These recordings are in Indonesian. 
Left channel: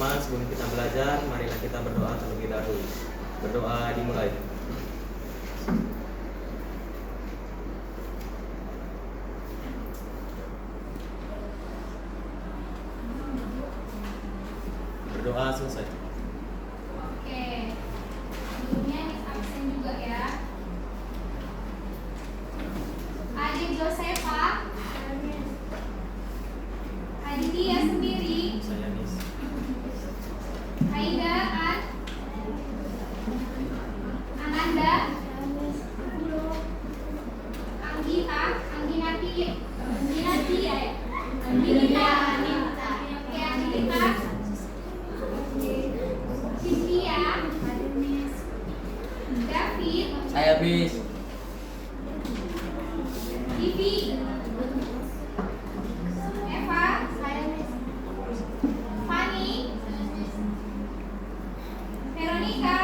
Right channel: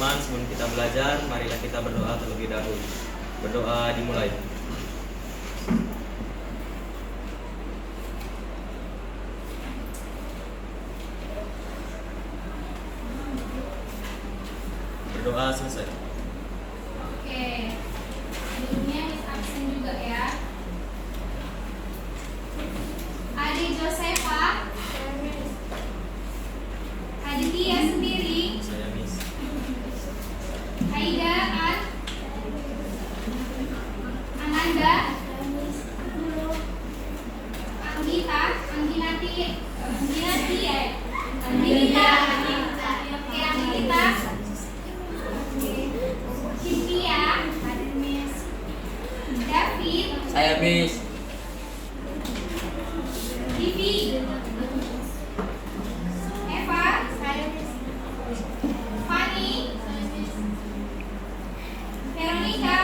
teman-teman, sebelum kita belajar, marilah kita berdoa terlebih dahulu. Berdoa dimulai. Berdoa selesai. Oke, sebelumnya Miss absen juga ya. Adik Josefa, adik dia sendiri, Saya Miss. Aida, Ananda, Anggita, Angginati ya, Anggita, oke Anggita, Cynthia, David, Saya Miss. Vivi, Eva, Fanny, Veronica,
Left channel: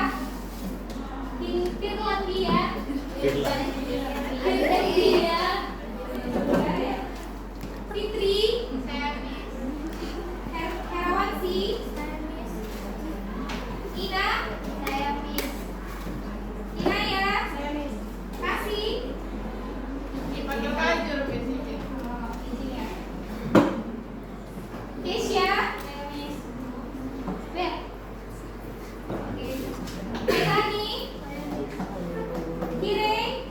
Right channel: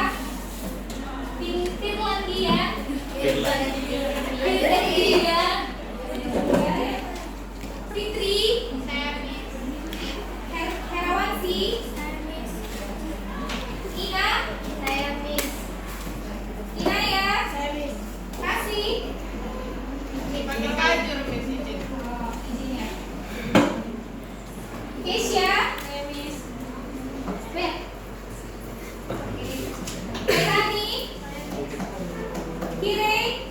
Finlandia, Fitri, Herawati, Ina, Ina ya, Kasih, Keisha, Beth, Irani, Kirei,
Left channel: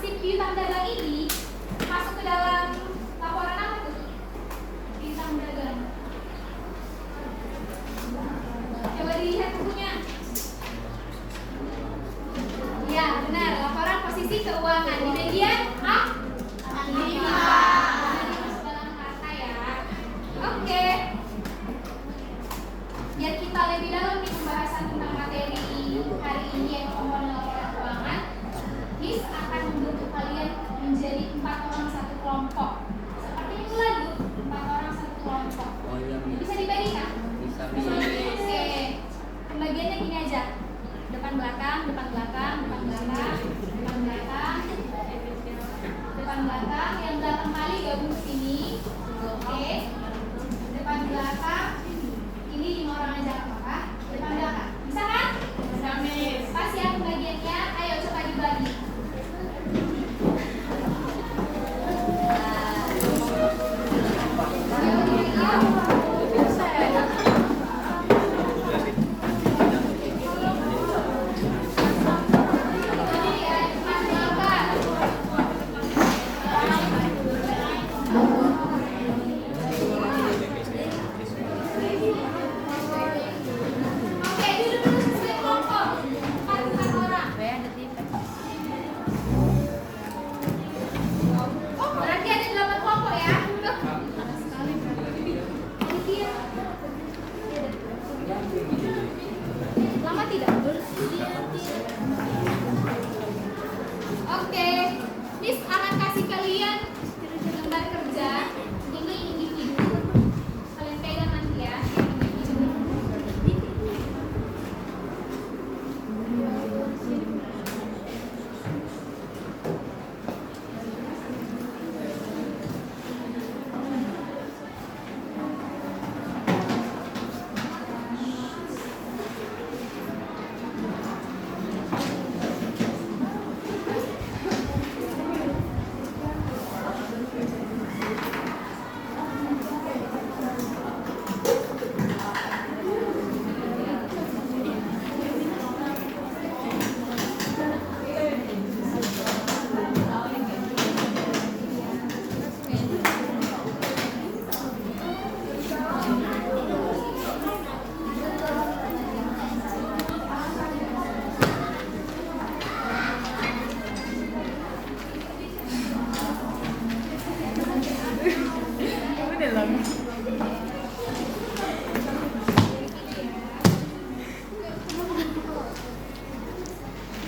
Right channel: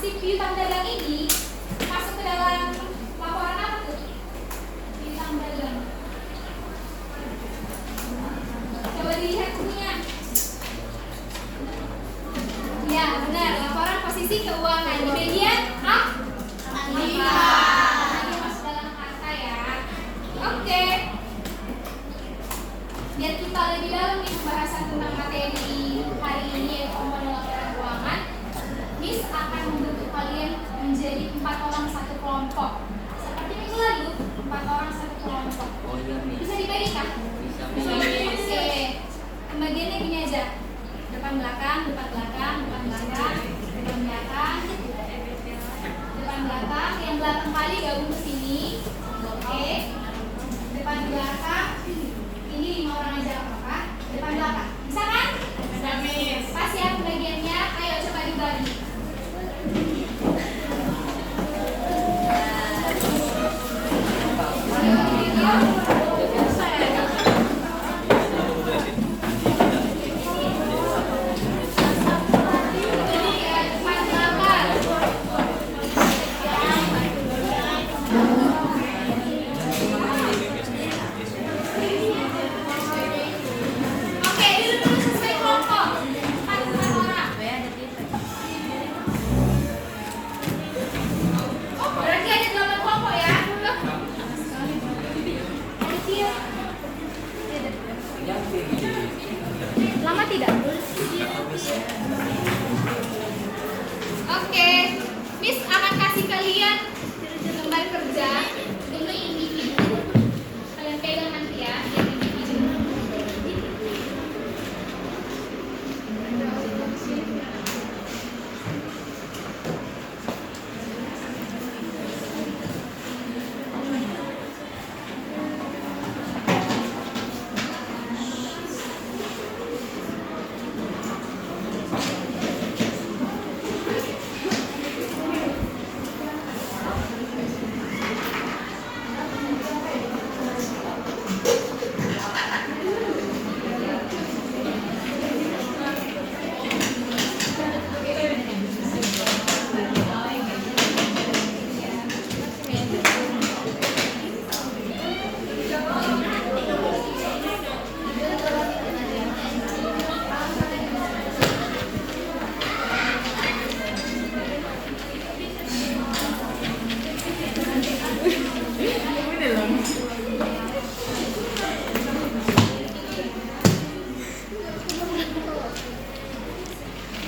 si piutang dagang ini masuk ke dalam laporan apa tuh? Piutang dagang. Coba dilihat bukunya. Ya, benar. Laporan posisi keuangan di bagian A. Masuk dalam harta ya. Oke. Biar kita lebih dalam nih pembahasan tentang materi hari ini yaitu komponen laporan keuangan, Miss akan membentuk kalian menjadi 4 orang satu kelompok. Seperti minggu lalu, 4 orang satu kelompok. Bisa dibagikan? Bisa. Oke. Pembagiannya gini aja. Depan belakang, depan belakang, depan belakang, depan belakang, depan belakang. Yang belakang kali gabung ke sini. Oke. Depan belakang. Ini 5 orang aja apa? Depan belakang. Bisa kan? Bisa, Miss. Pas ya pembagiannya. Ayo coba dibagi. Oke, dulu sesuai kelompok. 4 orang. Berarti ada 8 kelompok ya. Aditya. Lama tidak? Oke, Miss akan kasih kalian lembar kerja demi individu. Kalian pegang nanti ya, yang individu.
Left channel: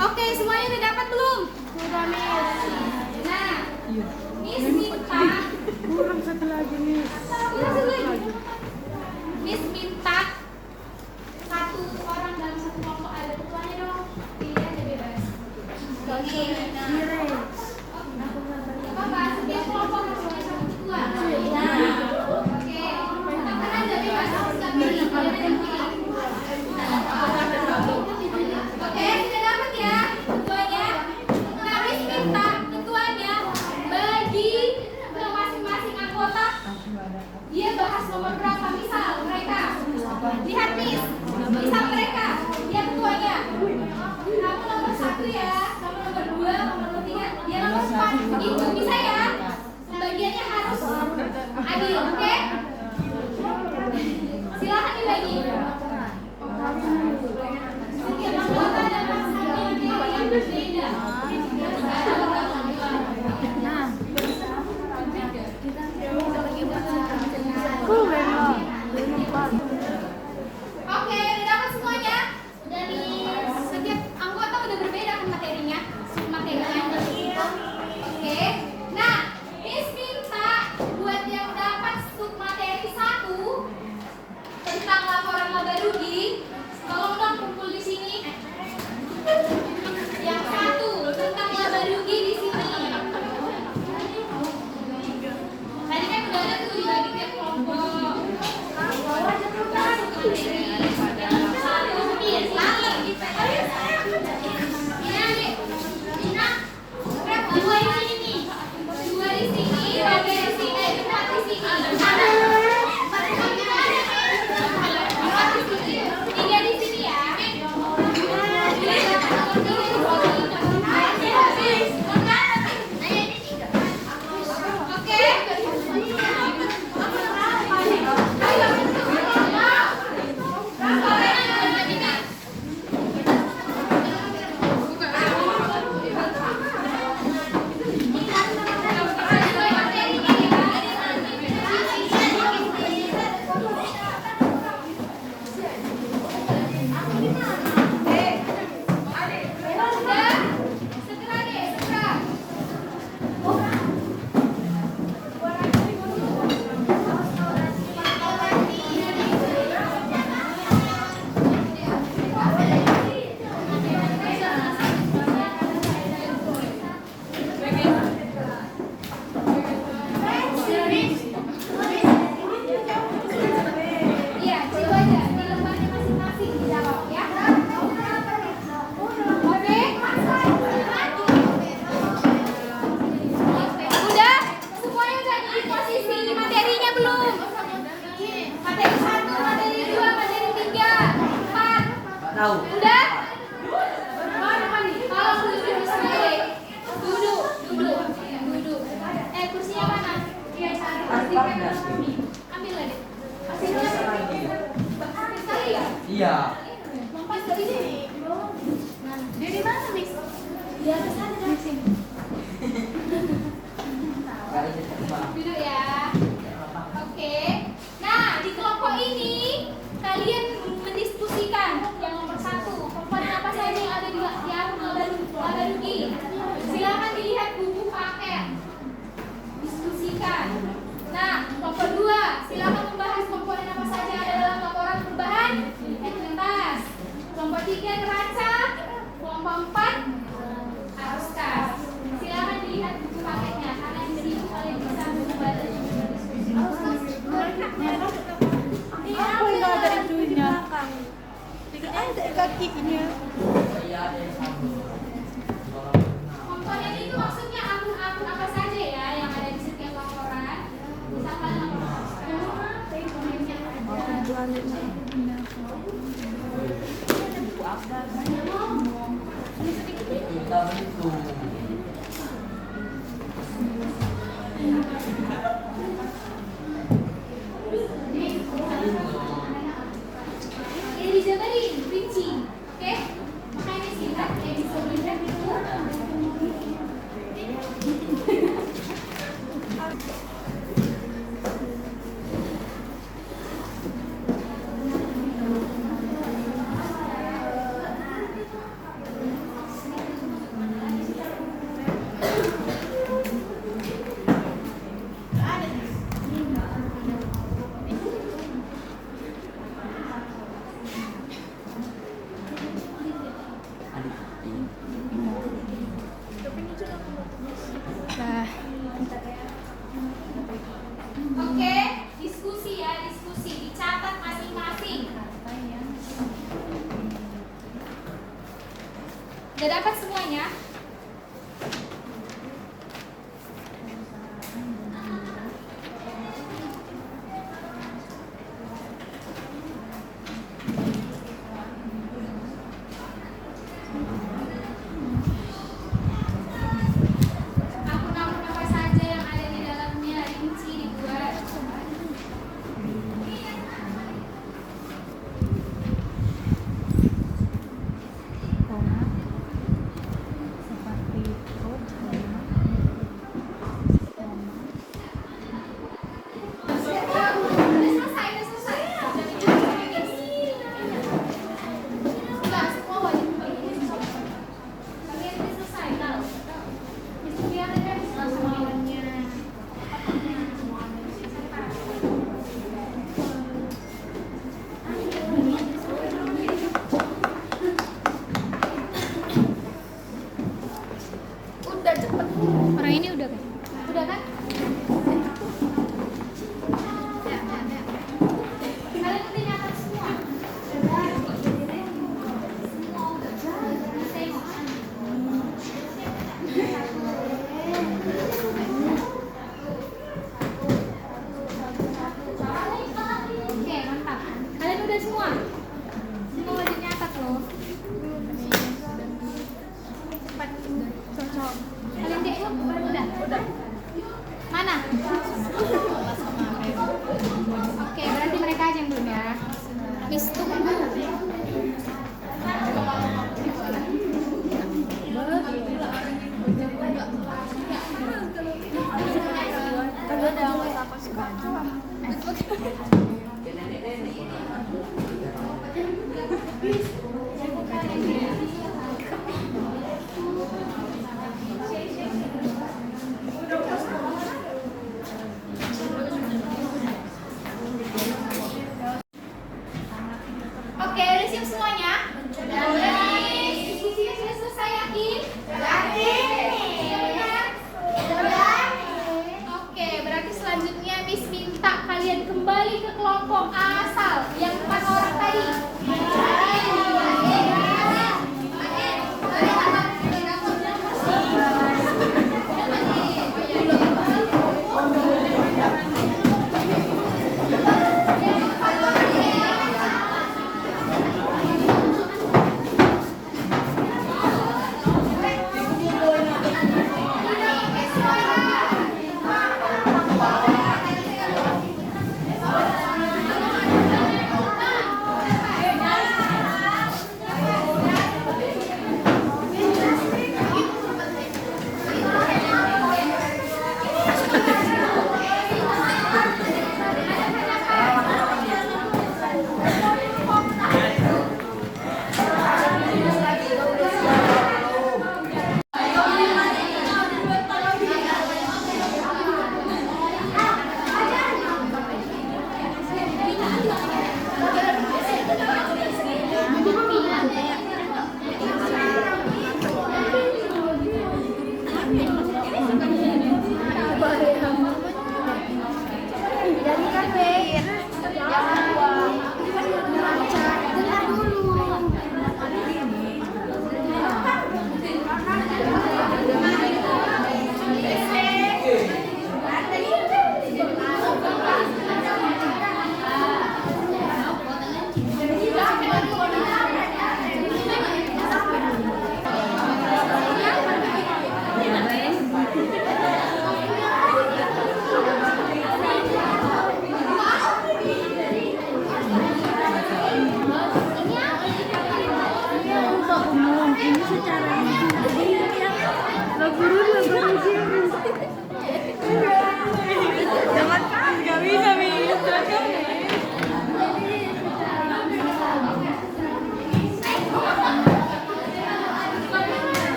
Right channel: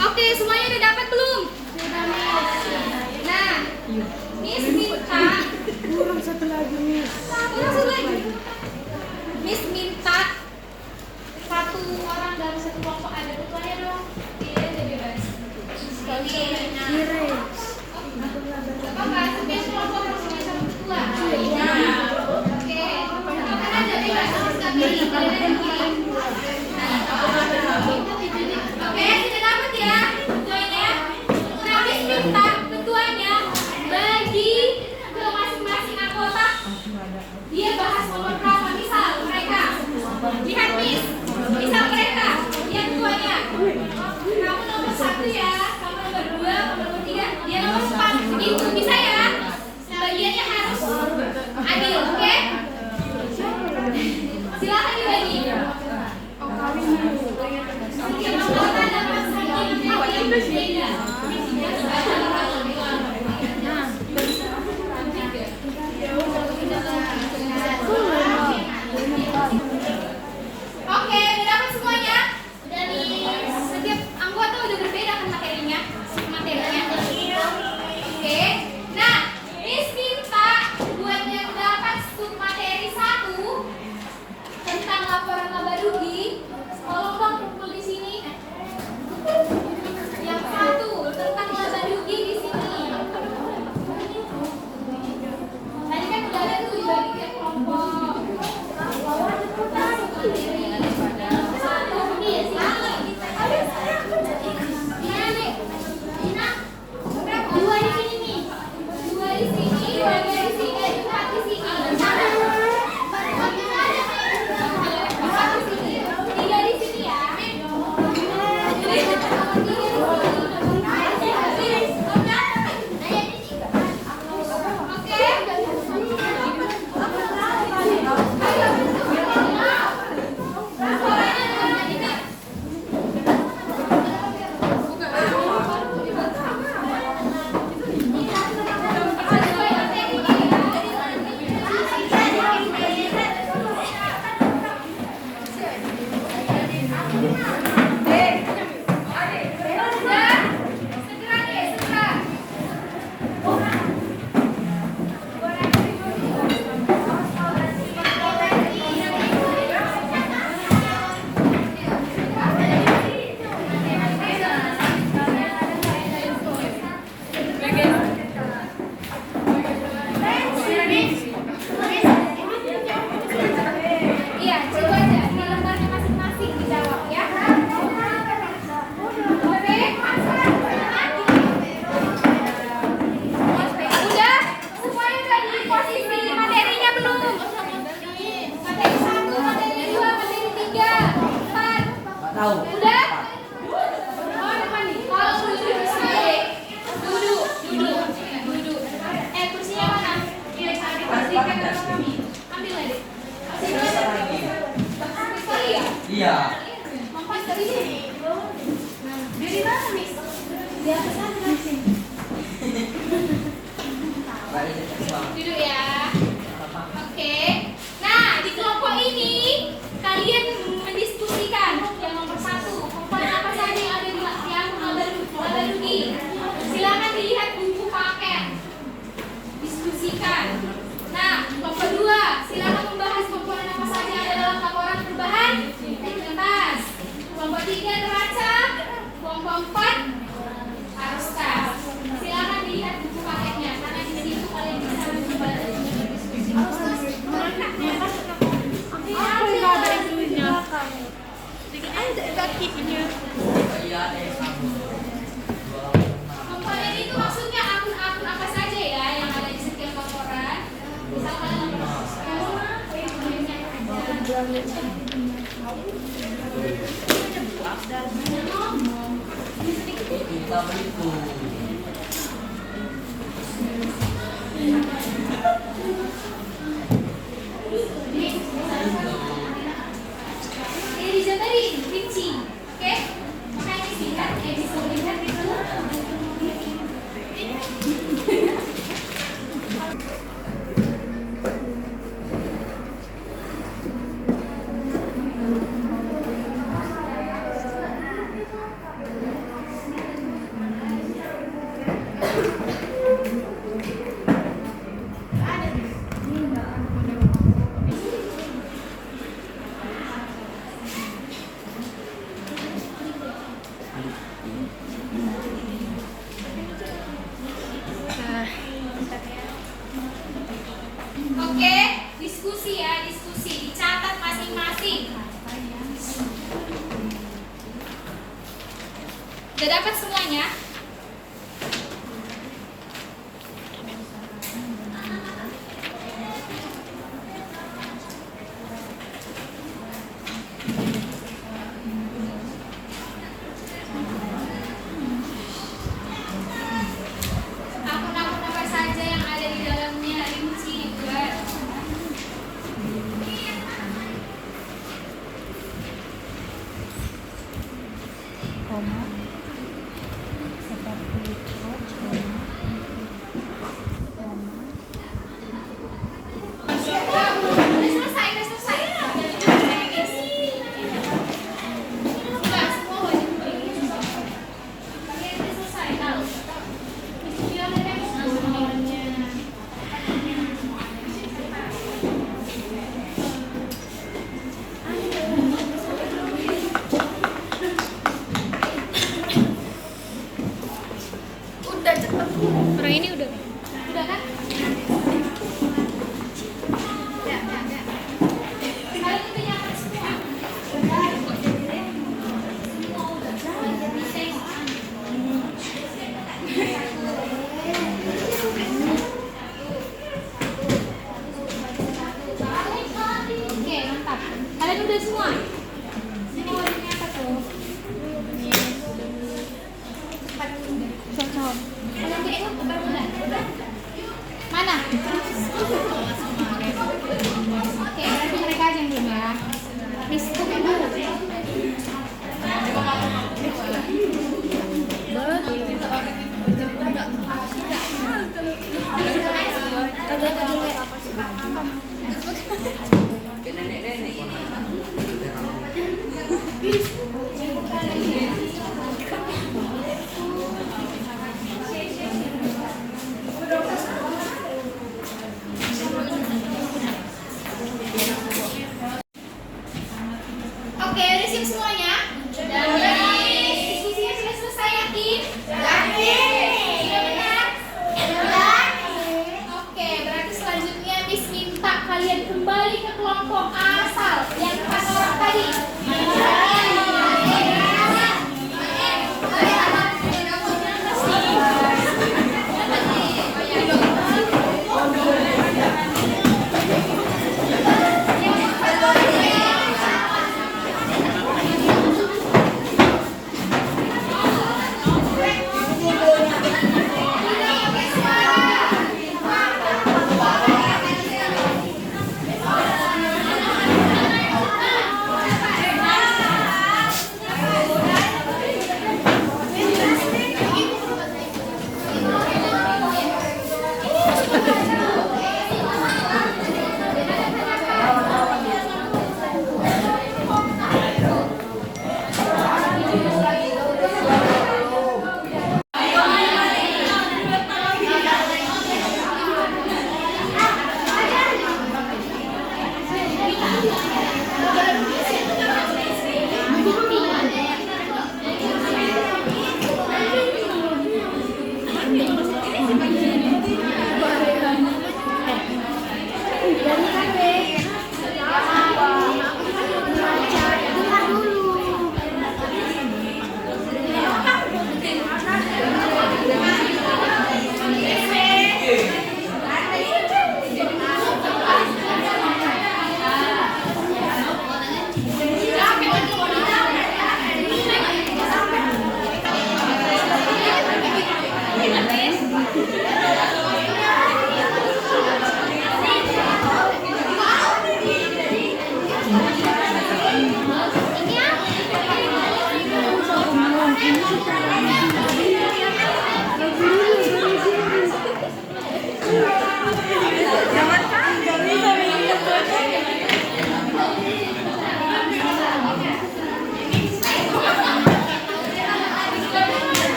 Oke, semuanya udah dapat belum? Sudah, Miss. Nah, Miss minta Kurang satu lagi, Miss. kurang satu lagi. Miss minta 1 orang dalam 1 kelompok ada ketuanya dong. Pilihan dia bebas. Ini. Apa setiap kelompok harus punya 1 ketua? Nah, oke. Kan ada bebas. Kita pilih. Kalian ada pilih. Oke, sudah dapat ya ketuanya. Nah, Miss minta ketuanya bagi ke masing-masing anggota. Dia Udah cepet. Orang ini udah. Udah kan? Ya. Kalian itu nyatet semua. Semua udah. Bisa Oke, mantap. Kalian udah semua? Semua udah nyatet loh. Cepat. Kalian kayak udah. Mana? Oke, berarti mereka aja yang diem ya. Miss, tunggu dulu. Oke, udah siap semuanya? Diskusinya sudah selesai, yakin? Yakin? Oke, berarti selanjutnya Miss minta kalian kembali ke kelompok asal yang 4 orang tadi.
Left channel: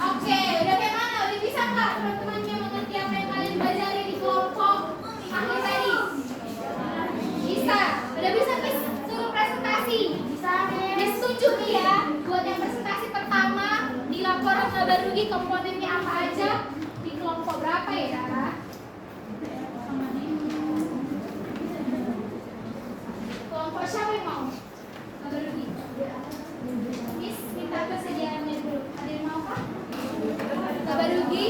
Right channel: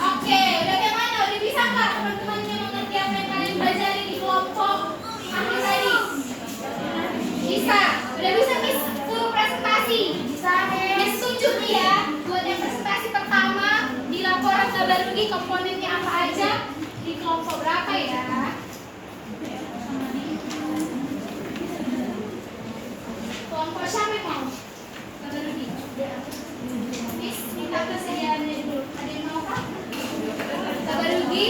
Oke, bagaimana? Udah bisa nggak teman-temannya mengerti apa yang kalian pelajari di kelompok aku tadi? Bisa. Udah bisa Miss full presentasi? Bisa. Miss tunjuk nih ya, buat yang presentasi pertama di laporan kabar rugi komponennya apa aja, di kelompok berapa ya? Kelompok siapa yang mau? Kabar rugi. Miss, minta persediaannya dulu. Ada yang mau apa? Kabar rugi?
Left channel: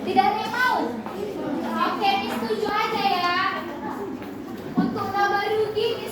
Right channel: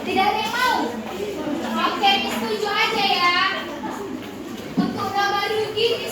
Tidak ada yang mau? Oke, Miss setuju aja ya. Untuk kabar rugi, Miss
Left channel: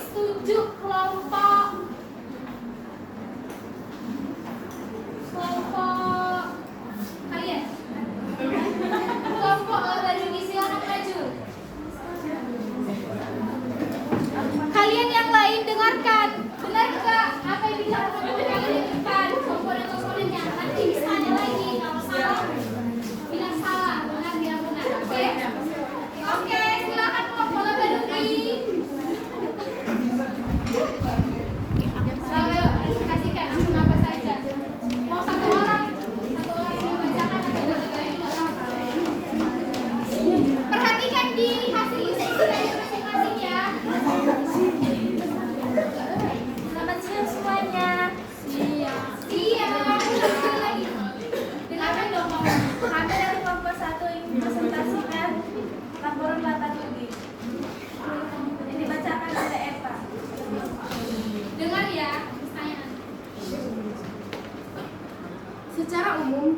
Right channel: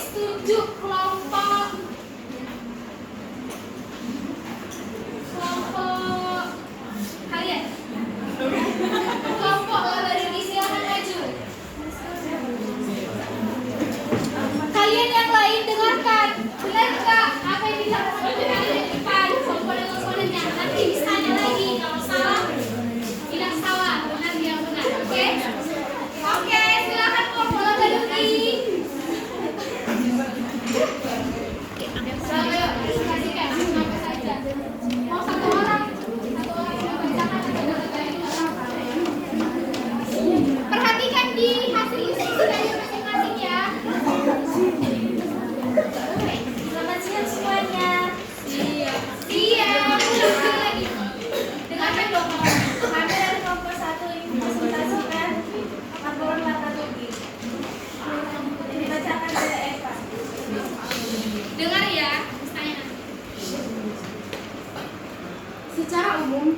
Secara umum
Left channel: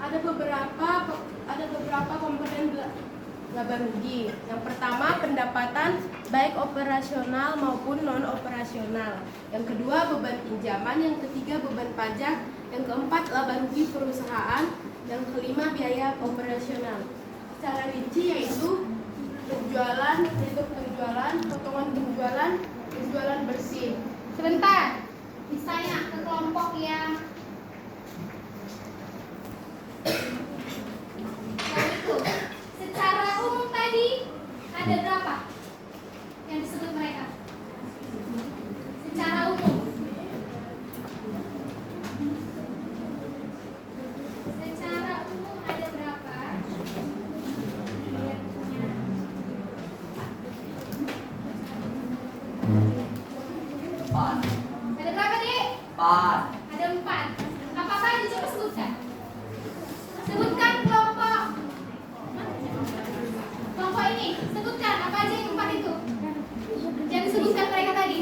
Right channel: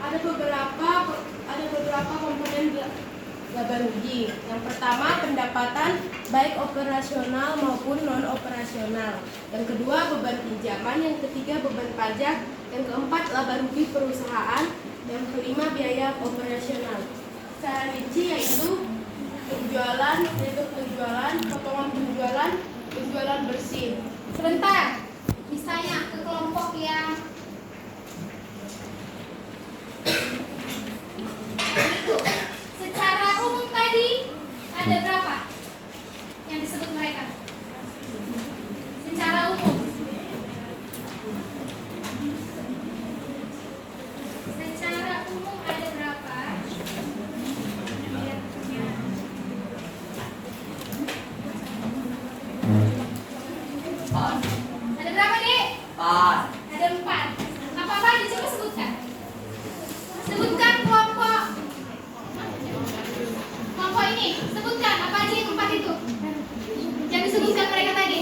ada beberapa komponen laba rugi. Yang pertama, pendapatan baik operasional maupun non operasional. Yang kedua, beban pinjaman. Yang ketiga, beban pajak. Yang keempat, laba rugi perusahaan. Yang kelima, biaya operasional. Secara rinci yaitu penjualan, potongan penjualan, penjualan bersih. Sebentar, misalnya ke kelompok yang itu. Secara umum tadi ada berapa yang disebut mereka? Secara umum. Secara umum ada berapa? Ada berapa nih? 4. Ada 4. Apa tadi? Coba sebutkan. Sebutkan kelompok ini. Sebutkan apa aja yang 4 itu. Yang disebutkan mereka tadi.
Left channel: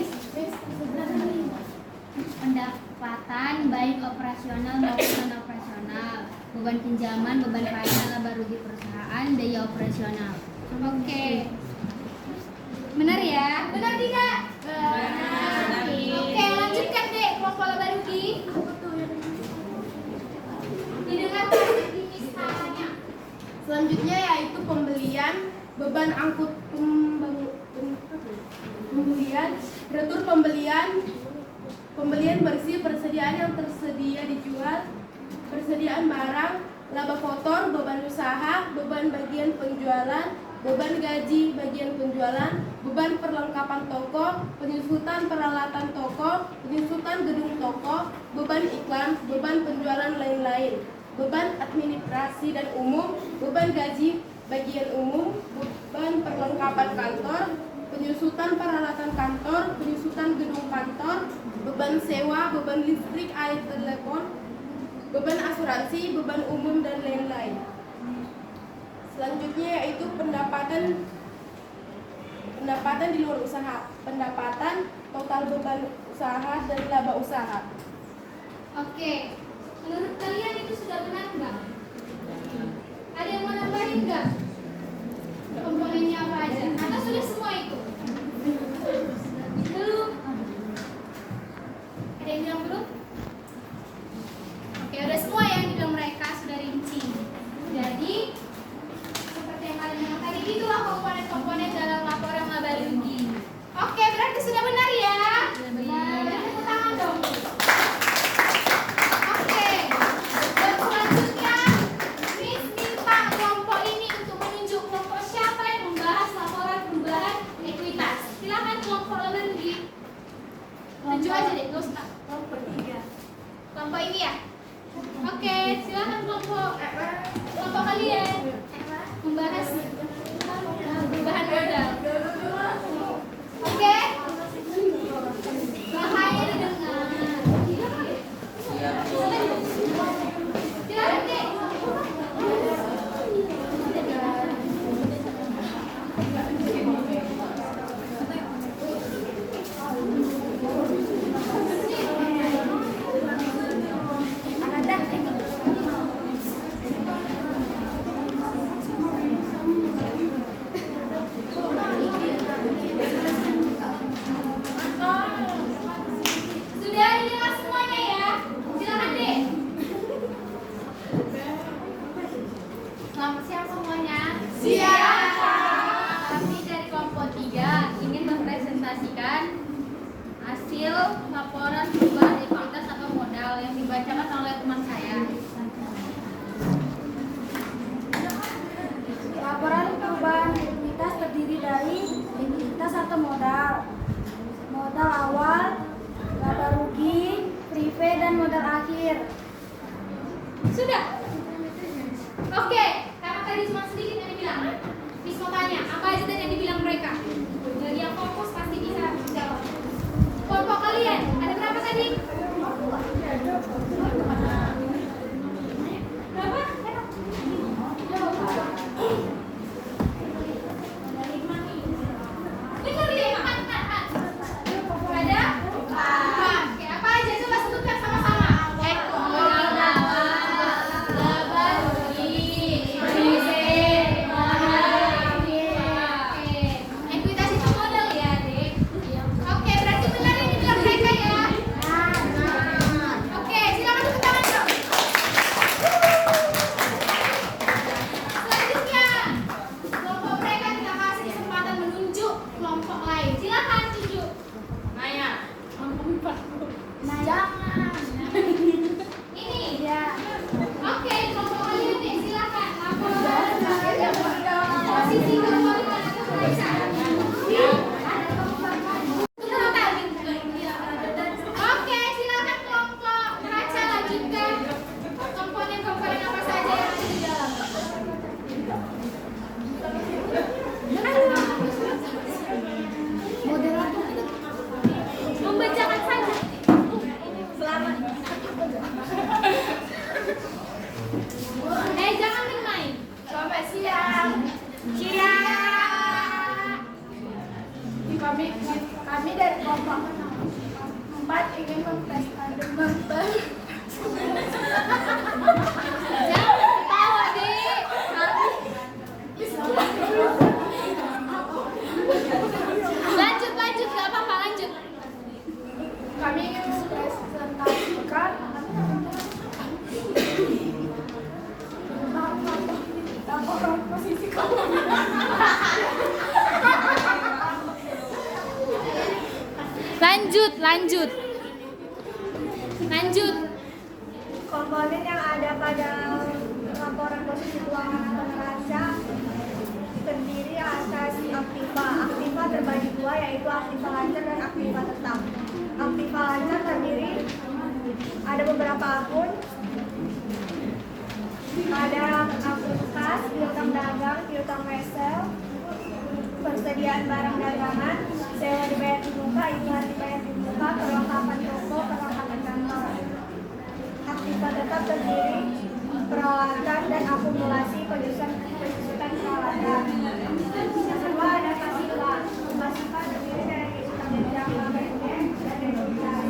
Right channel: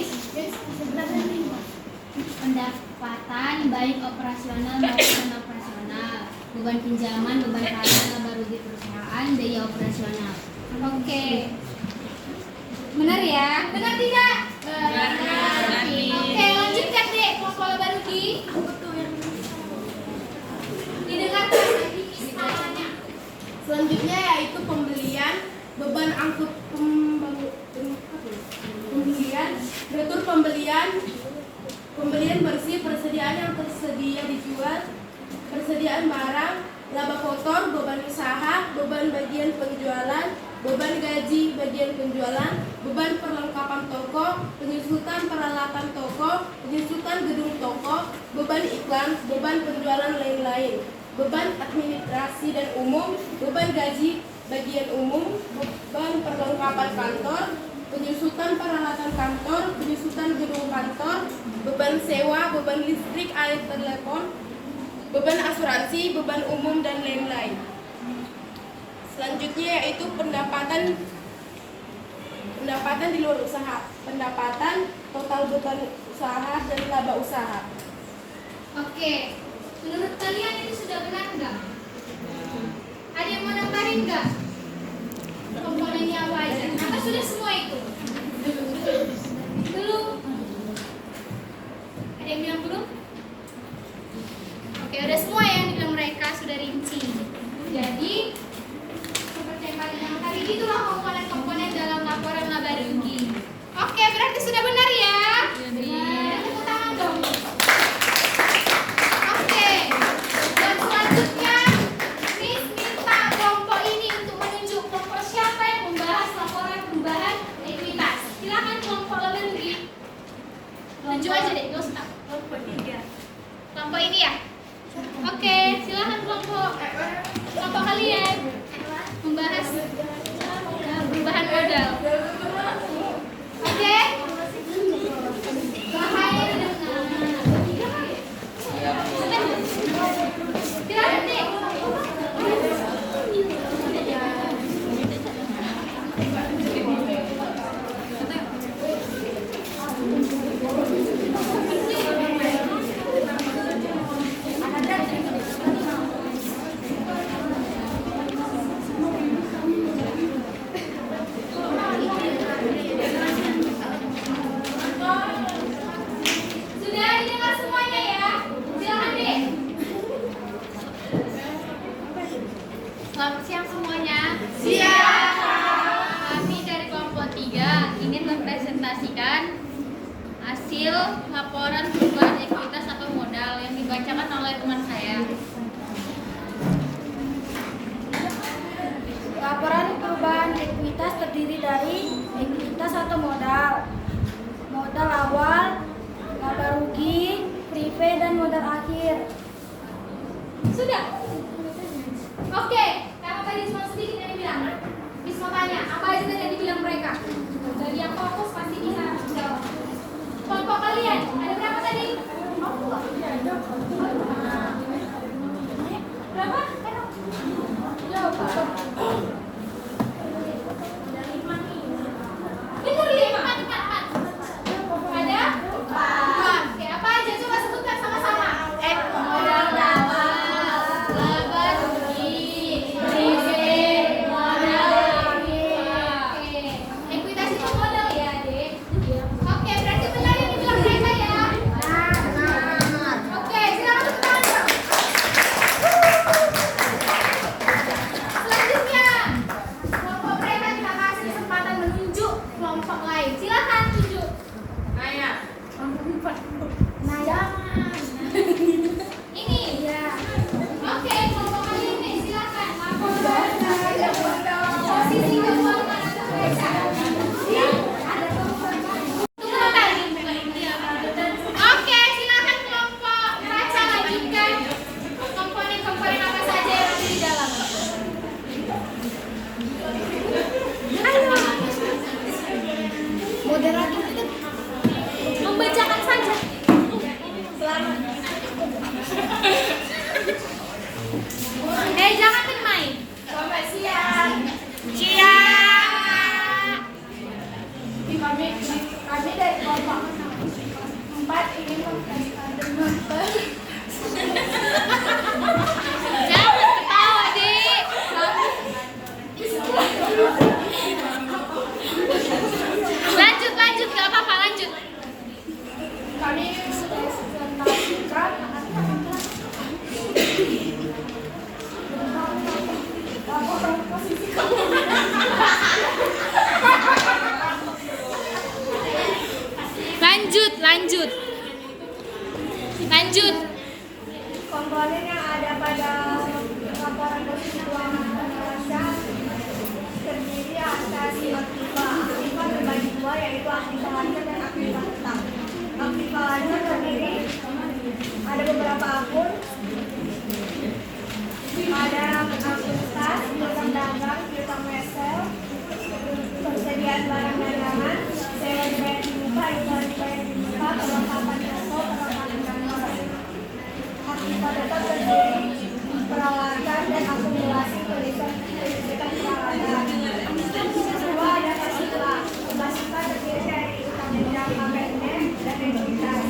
Pendapatan baik operasional maupun non operasional, beban pinjaman, beban pajak, laba rugi perusahaan, biaya operasional. Oke. Benar ya? Benar tidak? Benar. Oke, lanjutkan deh kelompok laba rugi. Didengarkan lagi misalnya. Selanjutnya yaitu pembelian, beban angkut pembelian, retur pembelian bersih, persediaan yang tersedia dijual, persediaan barang, laba kotor, beban usaha, beban bagian penjualan, beban gaji bagian penjualan, beban perlengkapan toko, penyusutan peralatan toko, penyusutan gedung toko, beban iklan, beban penjualan lain-lain, beban administrasi dan umum, beban gaji bagian umum, beban perlengkapan kantor, penyusutan peralatan kantor, penyusutan gedung kantor, beban sewa, beban listrik, air, telepon, beban asuransi, beban umum dan lain-lain. Selanjutnya yaitu pendapatan di luar usaha, pendapatan, total beban usaha dan laba usaha. Oke. Menurut kalian itu sudah benar nggak? Ada yang mau nambahin nggak? Komponennya apa aja? Atau sudah semua itu? Belum? Ada yang bilang belum? Oke, udah semua yang dibilang mereka sudah rinci. Jadi seperti yang kalian bilang tadi, itulah komponen-komponen dalam laporan laba rugi. Oke, berarti sudah benar ya? Benar. Tepuk tangan dong. Oke, dan selanjutnya Miss minta kelompok ini untuk menunjuk kelompok siapa yang membahas laporan perubahan likuiditas. Silakan kelompok laba rugi. Tunjuk aja deh, gak usah. Kelompok 3. Kelompok ini ya? Oke, silakan kelompok kalian membahas perubahan modal. Oke? Makanya didengar. Silakan deh. Sudah didengar semuanya ya? Silakan deh. Selamat siang semuanya. Siap. Kami dari kelompok 3 ingin mempresentasikan hasil laporan perubahan likuiditas atau modal yang dibacakan oleh teman saya. Laporan perubahan likuiditas terdiri dari likuiditas atau modal, modal awal, laba rugi, prive dan modal akhir. Sudah? Oke, karena tadi cuma sedikit yang dibilang. Miss mau tanya, apa aja tadi yang dibilang mereka? Bagi yang fokus pasti bisa jawab. Kelompok kalian, ada berapa tadi? Berapa? Benar 5. Ada? 4. Oke, apa aja coba sebutkan sama-sama. Modal Jangan ketawa, Dik. Lanjut, gak apa-apa, lanjut. Kami presentasikan posisi kamu. Lanjut. Komponen yang ada pada laporan posisi keuangan neraca terdiri atas aktiva. Aktiva terbagi dua, yaitu aktiva lancar dan aktiva tetap. Aktiva lancar terdiri ada beberapa akun. Ada akun kas, piutang dagang, piutang wesel, persediaan barang dagangan, sewa dibayar di muka, iuran dibayar di muka, perlengkapan toko, perlengkapan kantor. Aktiva tetap terdiri peralatan dan akumulasi pelistrikan peralatan. Kedua ada pasiva. Pasiva terdiri dari utang jangka pendek dan ekuitas.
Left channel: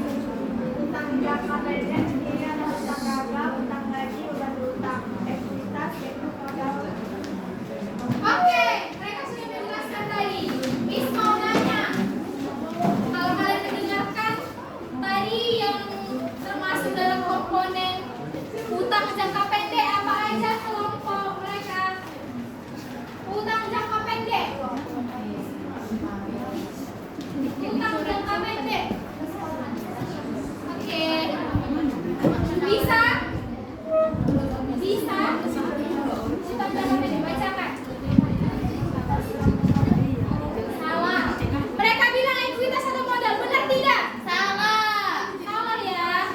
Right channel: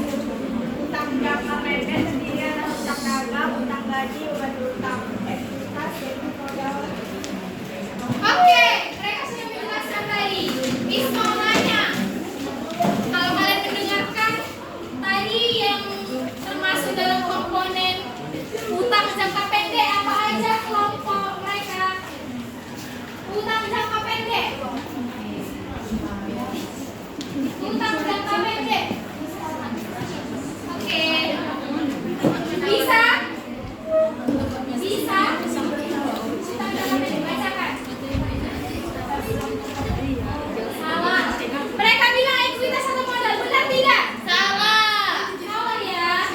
Utang jangka pendek terdiri atas utang dagang, utang gaji, beban berutang. Ekuitas yaitu modal. Oke, mereka sudah menjelaskan tadi. Miss mau nanya, kalau kalian mendengarkan tadi yang termasuk dalam komponen utang jangka pendek, apa aja kelompok mereka? Utang jangka pendek. Utang jangka pendek. Oke. Bisa? Bisa? Utang jangka pendek bacakan. Salah. Mereka bilang ekuitas atau modal, benar tidak? Salah. Salah ya.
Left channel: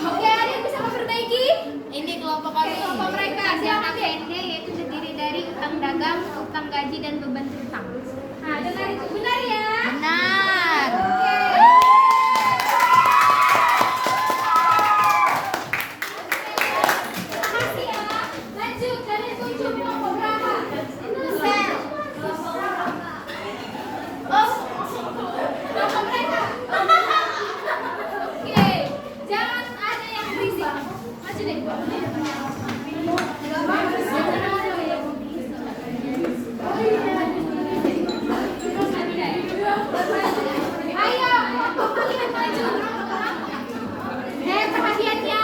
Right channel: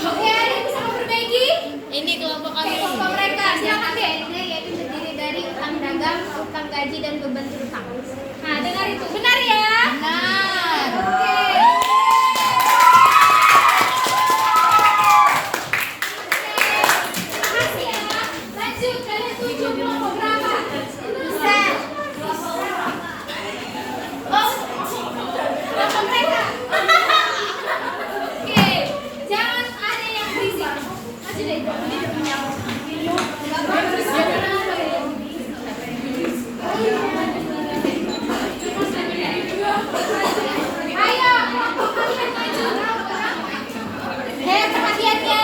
Oke, ada yang bisa memperbaiki? Ini kelompok Oke, kami. kelompok mereka. Silakan deh. Yaitu terdiri dari utang dagang, utang gaji, dan beban berutang. Nah, dengar itu. Benar ya? Benar. Oke. Makasih ya. Lanjut, kalian tunjuk kelompok berapa? Sel. Oh, kelompok mereka. Oke, jangan ada yang berisik. Maju deh. Ayo, kelompok kalian maju. Perhatiannya.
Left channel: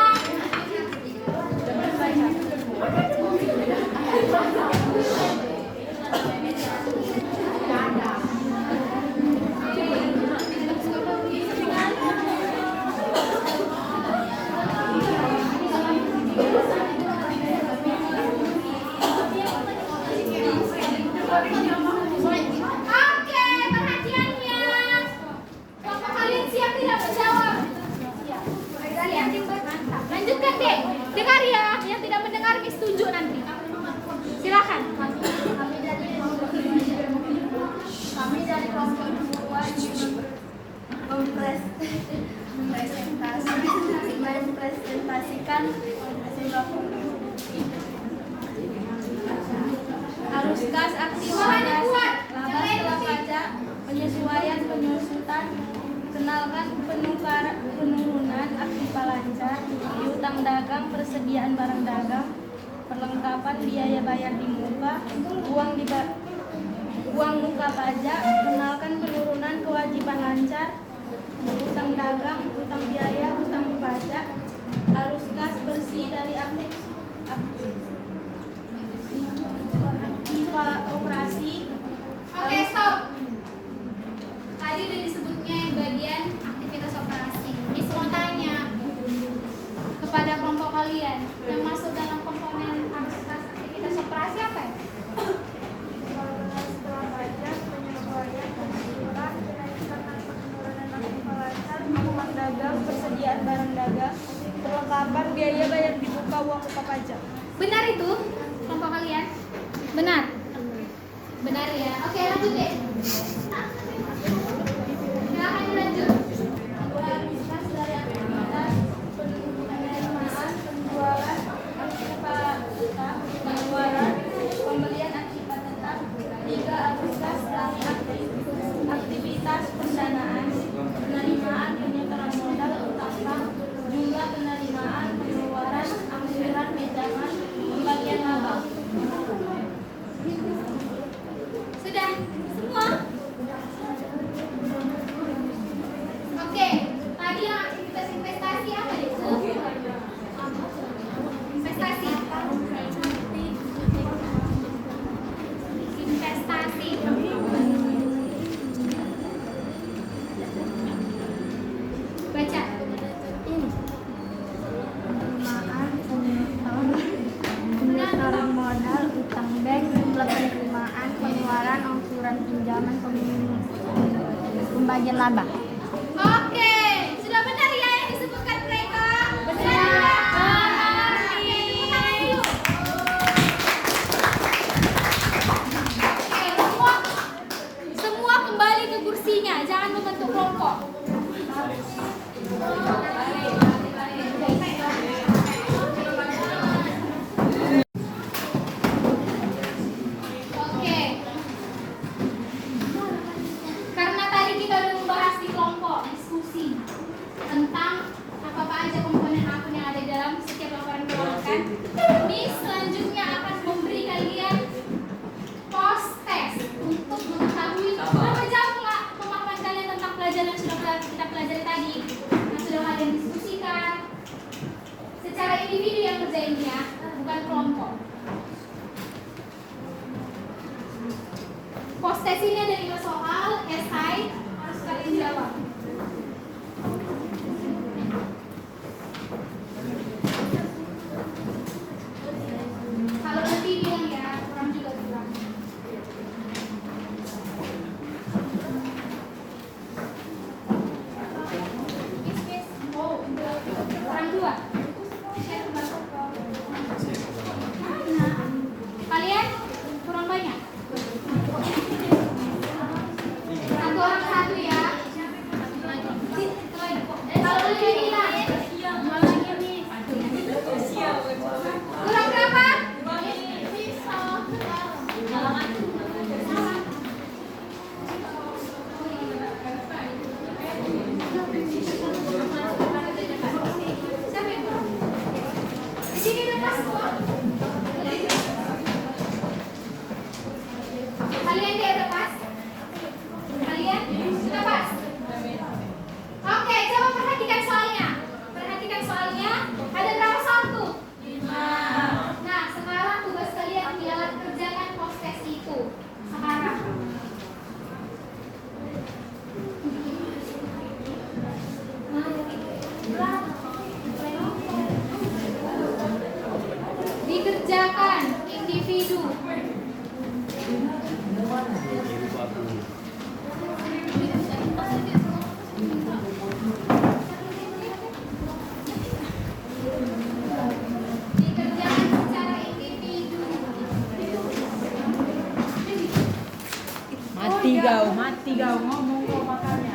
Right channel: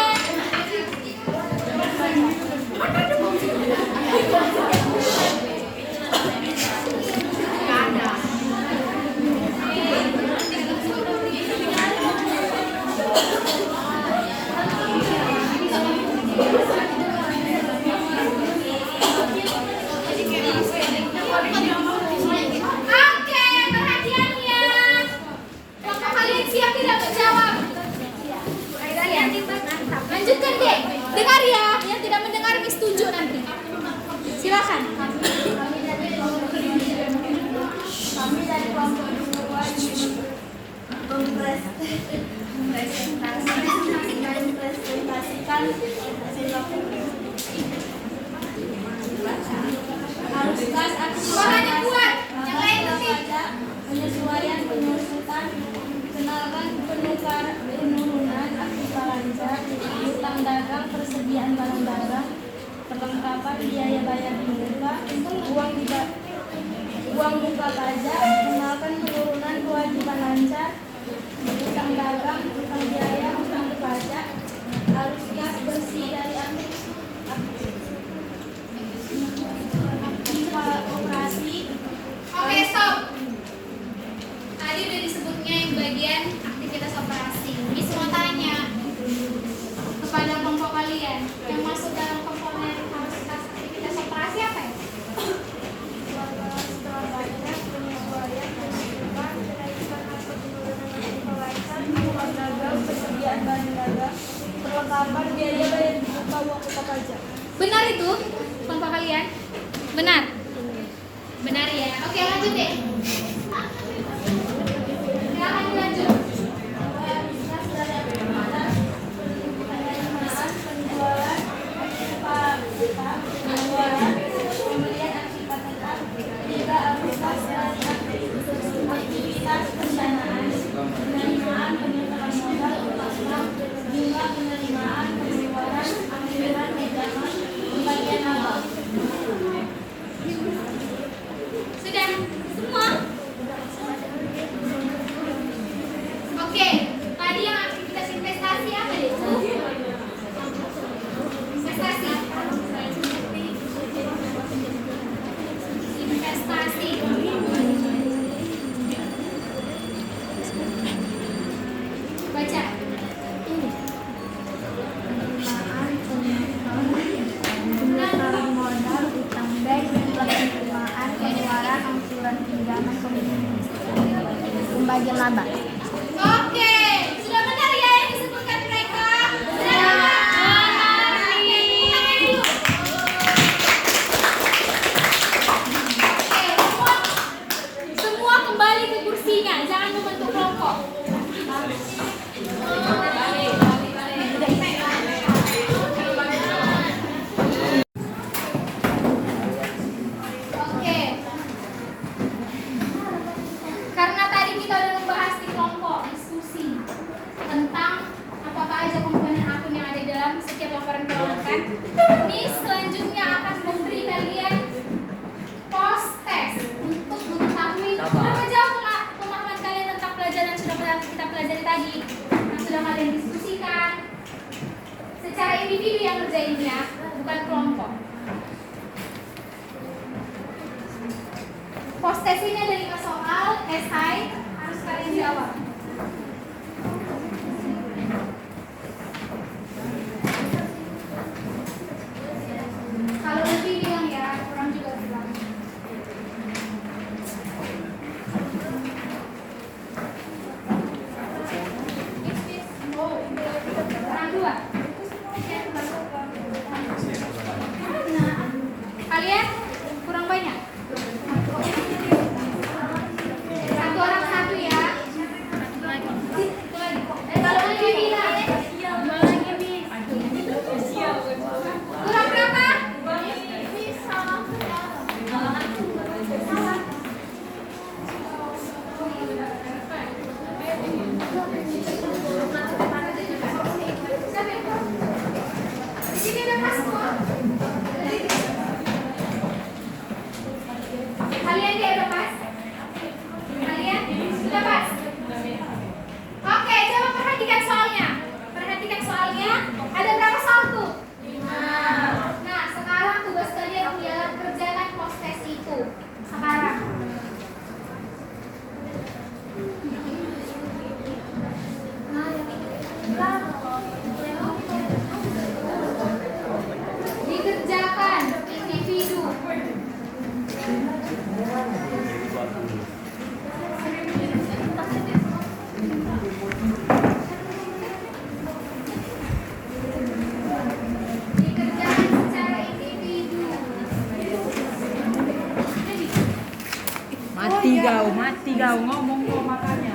Oke, perhatiannya. Kelompok kalian siap tidak menjawab? Lanjutkan deh. Dengar ya. Yang tidak mendengar Miss tunjuk nanti. Silakan. Kami dari kelompok dua mempresentasikan hasil arus kas Suaranya kuat. Yang lain mesti. pajak, penyesuaian penyusutan, kenalkan penurunan aktiva lancar, utang dagang, persediaan barang dagang, perlengkapan biaya bayar di muka, uang muka pajak, kenalkan penurunan kewajiban lancar, utang dagang, utang biaya, utang di pajak, arus kas bersih dari aktiva operasi. Oke, stop. Tadi udah disebutnya yang bagian aktivitas operasi. Miss mau tanya kepada kelompok kalian yang masuk dalam komponen aktivitas operasi apa ya? Persediaan barang dagang, perlengkapan biaya bayar di muka, uang muka pajak. Benar itu kelompok kalian? Benar. Benar ya. Oke, lanjut deh. Silakan lanjut. Penjualan, pembelian akibat tetap, 3 Agustus aktivitas pendanaan, penerimaan penyetoran modal, utang mati gau ngomong kok makanya.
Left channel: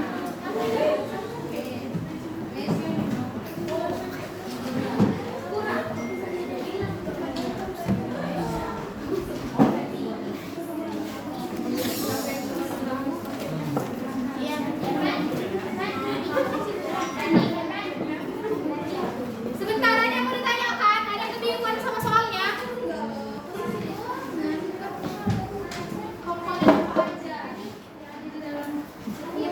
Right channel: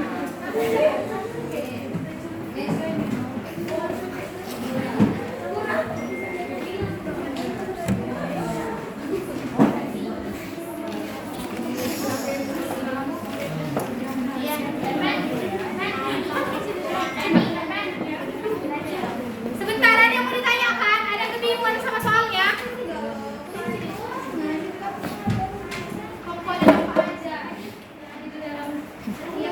Sebentar, ada yang mau ditanyakan? Ada yang kebingungan sama soalnya? Pokoknya apa aja yang di dalam. Iya.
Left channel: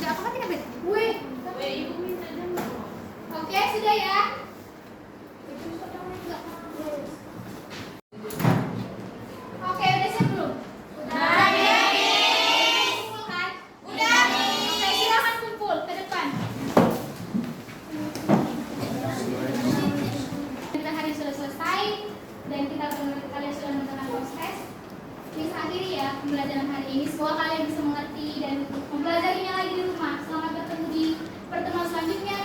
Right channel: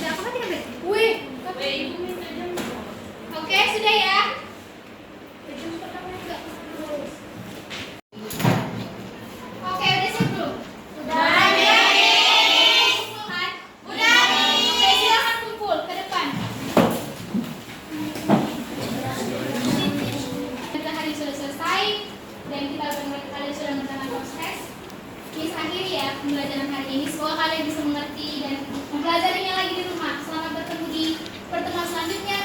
Ya, apa tidak, Bet? Wih. Oke, sudah ya. Oke, udah siap belum? Udah. Kan? Udah. Oke, silakan kumpul ke depan. Kita hari sudah selesai dan kita kalian sudah menggunakan proses. Miss akhiri ya pembelajaran hari ini. Semoga kalian bisa mengerti dan mempelajarinya lagi di rumah. Selamat bertemu di pertemuan selanjutnya.